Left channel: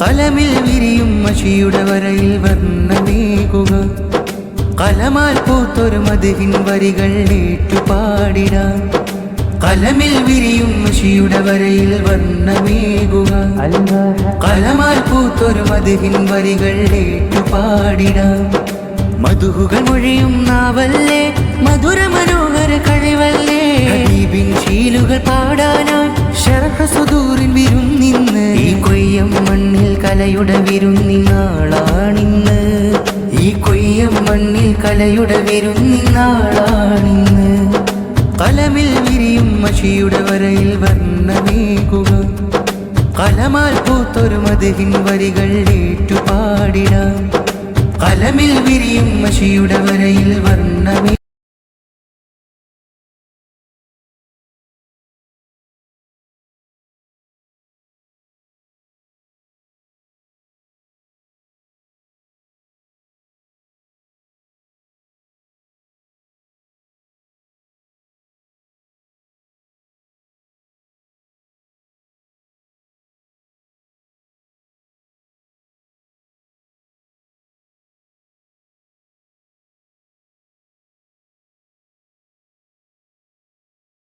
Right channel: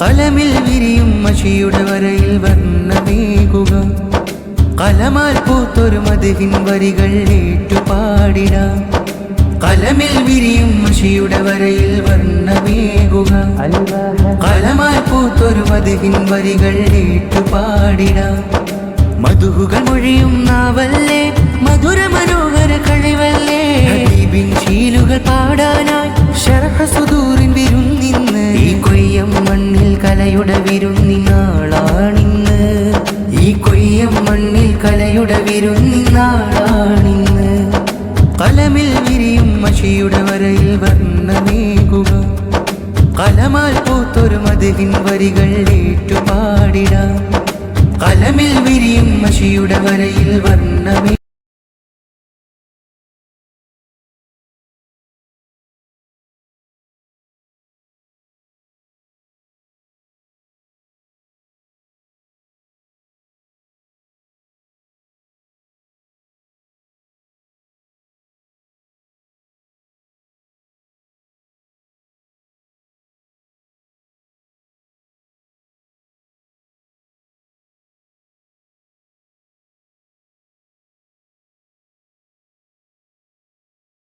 കലമിൽ വിരിയും മഷിയുടെ വരയിൽ വർണ്ണമേകുക, കലമാൽ പൂത്തൊരു മദ്ഹിൻ വരികൾ ഏറ്റുപാടിടാം. കലമിൽ വിരിയും മഷിയുടെ വരയിൽ വർണ്ണമേകുക, കലമാൽ പൂത്തൊരു മദ്ഹിൻ വരികൾ ഏറ്റുപാടിടാം. മധുഹുകൾ മൊഴിയും നാവല്ലേ, മധുര മനോഹര കഴിവല്ലേ, ഹബീബിൻ ശീലുകൾ പാടാനായി ശർഹ് സുദൂറിൻ വിരുന്നിന്ന്. ഈ കൊയ്യം മണ്ണിൽ കലയുടെ വിരുന്നിനാളാണിന്ന്, ഈ കൊയ്യം മണ്ണിൽ കലയുടെ വിരുന്നിനാളാണിന്ന്. കലമിൽ വിരിയും മഷിയുടെ വരയിൽ വർണ്ണമേകുക, കലമാൽ പൂത്തൊരു മദ്ഹിൻ വരികൾ ഏറ്റുപാടിടാം. കലമിൽ വിരിയും മഷിയുടെ വരയിൽ വർണ്ണമേ